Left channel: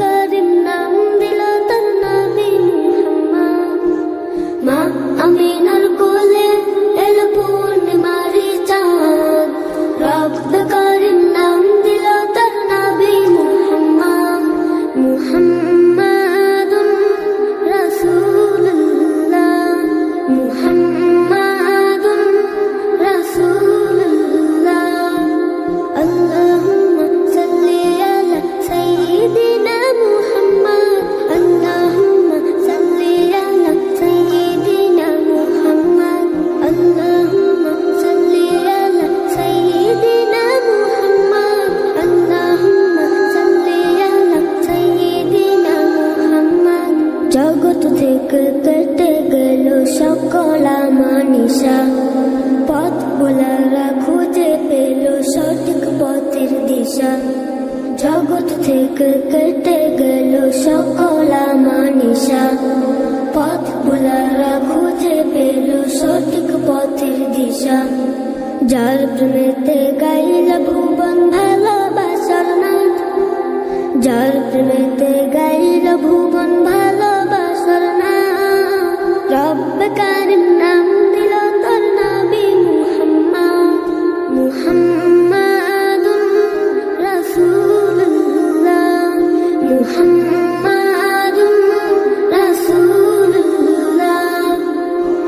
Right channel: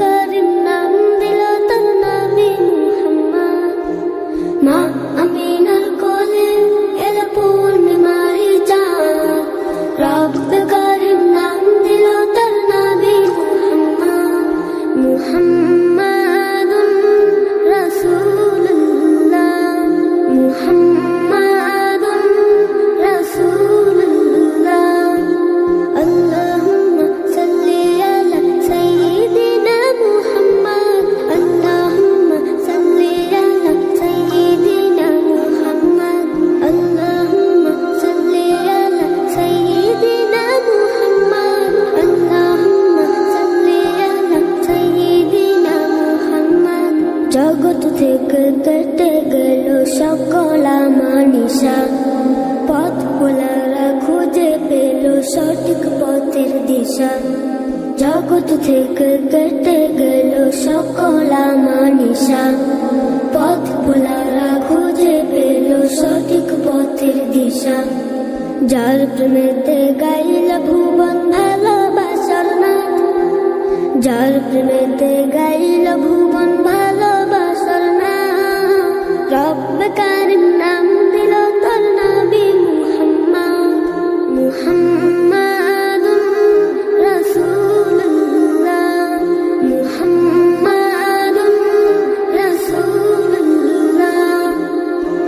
করিম নাম দিল তার নবী মুহাম্মদ। মা আমিনার কোলে এর পূর্ণিমারি চাঁদ, রব করিম নাম দিল তার নবী মুহাম্মদ। মুহাম্মাদুন রাসূলুল্লাহ, মুহাম্মাদুন রাসূলুল্লাহ। আল্লাহুম্মা সাল্লি আলা সাইয়্যিদিনা মুহাম্মদ, আল্লাহুম্মা সাল্লি আলা সাইয়্যিদিনা মুহাম্মদ, আল্লাহুম্মা সাল্লি আলা সাইয়্যিদিনা মুহাম্মদ, আল্লাহুম্মা সাল্লি আলা সাইয়্যিদিনা মুহাম্মদ। জগৎ থেকে কেটে গেল সকল আমানিশা, পথ ভোলারা খুঁজে পেল সঠিক পথের দিশা। জগৎ থেকে কেটে গেল সকল আমানিশা, পথ ভোলারা খুঁজে পেল সঠিক পথের দিশা। যার প্রেমেতে গাইল ভুবন ভালোবাসার নাথ, যার প্রেমেতে গাইল ভুবন ভালোবাসার নাথ। রব কারিম নাম দিল তোর নবী মুহাম্মদ। মুহাম্মাদুন রাসূলুল্লাহ, মুহাম্মাদুন রাসূলুল্লাহ।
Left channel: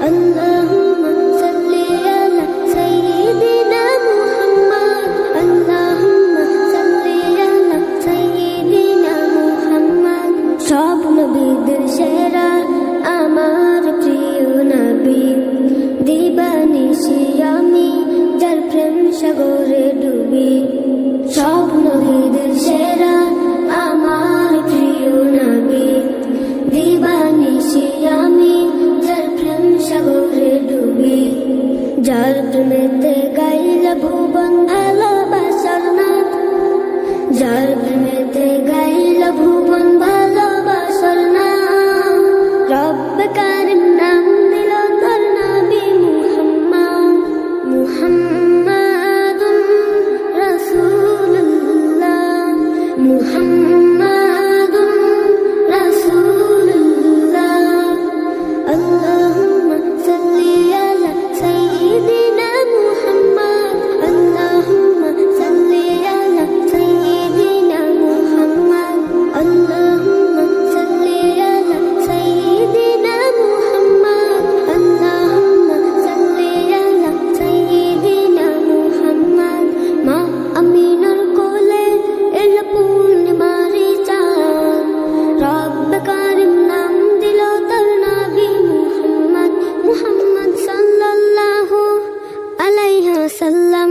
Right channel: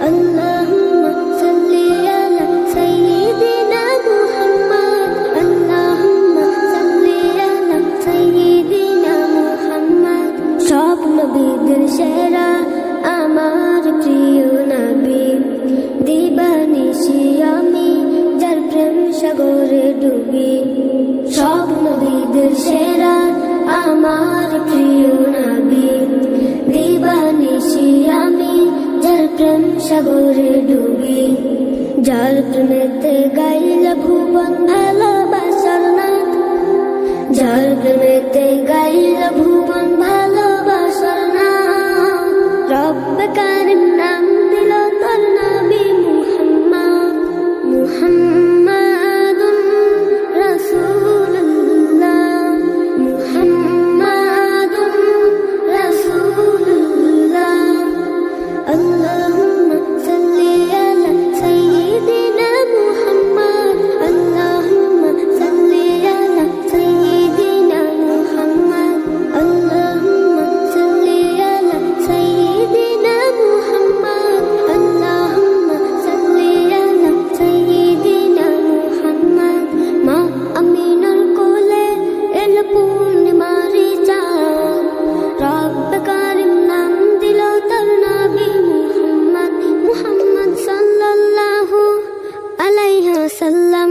আল্লাহুম্মা সাল্লি আলা সাইয়্যিদিনা মুহাম্মদ, আল্লাহুম্মা সাল্লি আলা সাইয়্যিদিনা মুহাম্মদ। সব নবীদের সেরা আমার প্রিয় নবী, দিবানিশি আমি যার প্রেম সাগরে ডুবি। সব নবীদের সেরা আমার প্রিয় নবী, দিবানিশি আমি যার প্রেম সাগরে ডুবি। যার প্রেমেতে গাইল ভুবন ভালোবাসার নাথ, যার প্রেমেতে গাইল ভুবন ভালোবাসার নাথ। রব কারিম নাম দিল তোর নবী মুহাম্মদ। মুহাম্মাদুন রাসূলুল্লাহ, মুহাম্মাদুন রাসূলুল্লাহ। আল্লাহুম্মা সাল্লি আলা সাইয়্যিদিনা মুহাম্মদ, আল্লাহুম্মা সাল্লি আলা সাইয়্যিদিনা মুহাম্মদ, আল্লাহুম্মা সাল্লি আলা সাইয়্যিদিনা মুহাম্মদ, আল্লাহুম্মা সাল্লি আলা সাইয়্যিদিনা মুহাম্মদ। মা আমিনার কোলে এল পূর্ণিমারি চাঁদ, রব কারিম নাম দিল তার নবী মুহাম্মদ। মুহাম্মদ সাল্লাল্লাহু আলাইহি ওয়াসাল্লাম।